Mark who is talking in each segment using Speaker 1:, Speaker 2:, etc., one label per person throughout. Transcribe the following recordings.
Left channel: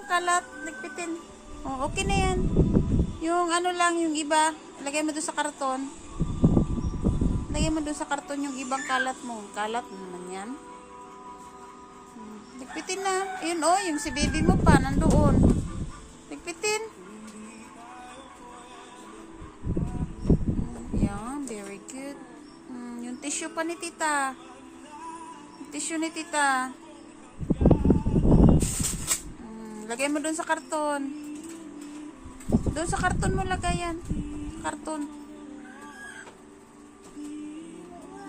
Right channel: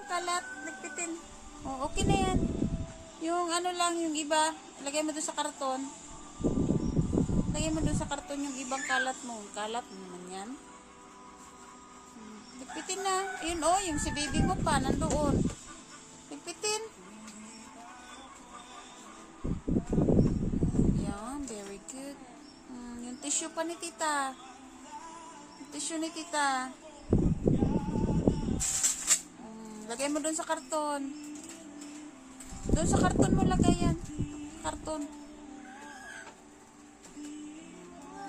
Speaker 1: yung kalat. Ligpitin. Oh, okay na yan. Yung ano lang, yung iba, lagay mo doon sa karton. Lagay mo doon sa karton yung ibang kalat mo. Kalat naman yan. Hmm, Ligpitin na. Ayun oh, yung si baby mo pa, nandoon. Ligpitin. Yan, very good. Hmm, yung tissue pa ni tita. Tissue ni tita. Hmm, lagay mo doon sa karton. Doon sa karton mo lagay yan. Karton.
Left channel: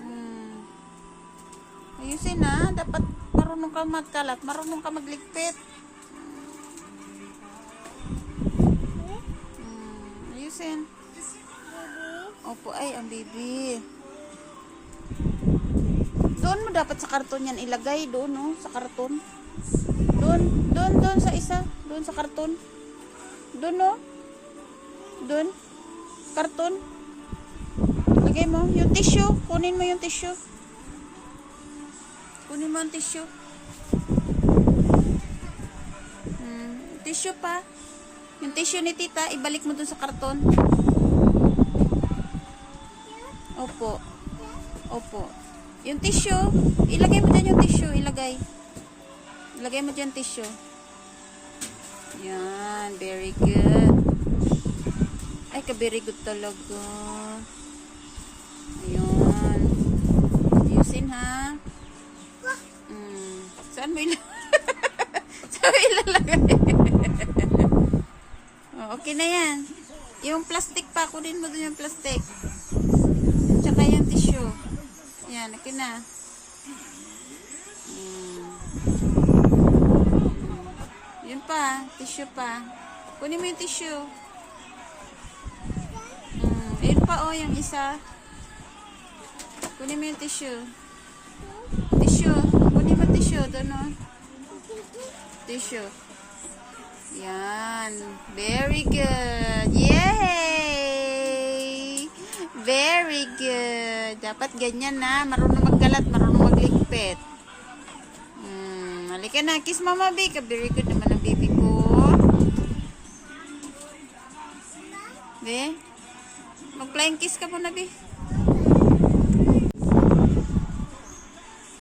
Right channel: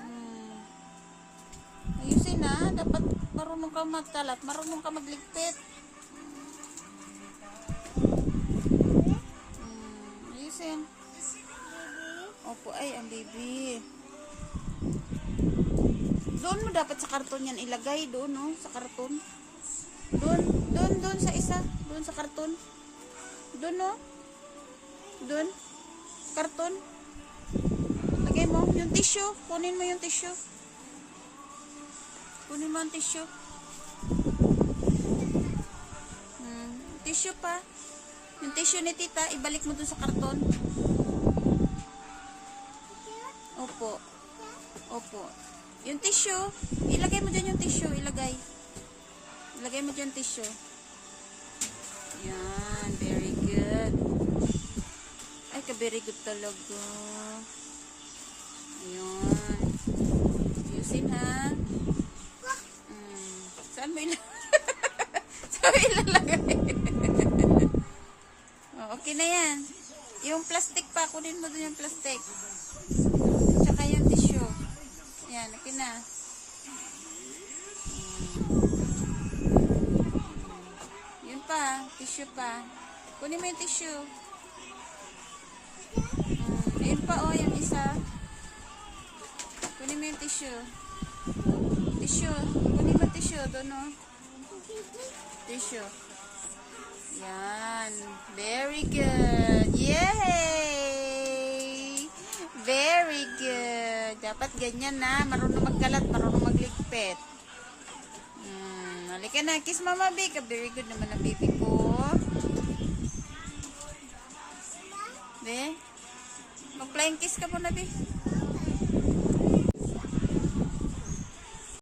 Speaker 1: Hmm. Ayusin na. Dapat marunong ka magkalat. Marunong ka magligpit. Hmm. Ayusin. Opo, ay, ang baby. Doon mo dapat sa karton yan ilagay. Doon, no? Sa karton. Doon, doon, doon sa isa. Doon sa karton. Doon, no? Doon. Karton. Lagay mo. Yung tissue. Kunin mo yung tissue. Kunin mo yung tissue. Hmm. Tissue pa. Yung tissue ni tita, ibalik mo dun sa karton. Opo. Opo. Yung tissue, ilagay mo dyan yung tissue. Ilagay. Ilagay mo dyan tissue. Yan. Very good. Ay, ka-very good talaga. Ayun. Ayusin, ha? Mm. Saan mo ilalagay? Saan mo ilalagay? oh, okay na yan. Yung plastic pa, kunin mo dun yung plastic. Tsaka yung tissue. Yan, okay na. Mm. Pa, tissue pa. Kunin mo yung tissue. Mm, ayun pa oh, yung isa. Kunin mo yung tissue. Tissue. Kunin mo tissue. Doon oh. Tissue. Yan. Very good. Yay! Very good. Dapat ganyan na. Marunong magkalat, marunong magligpit. Hmm, halika na. Kiss mama, Big. Very good naman baby ko. Be? Mag-flying kiss ka muna, Be.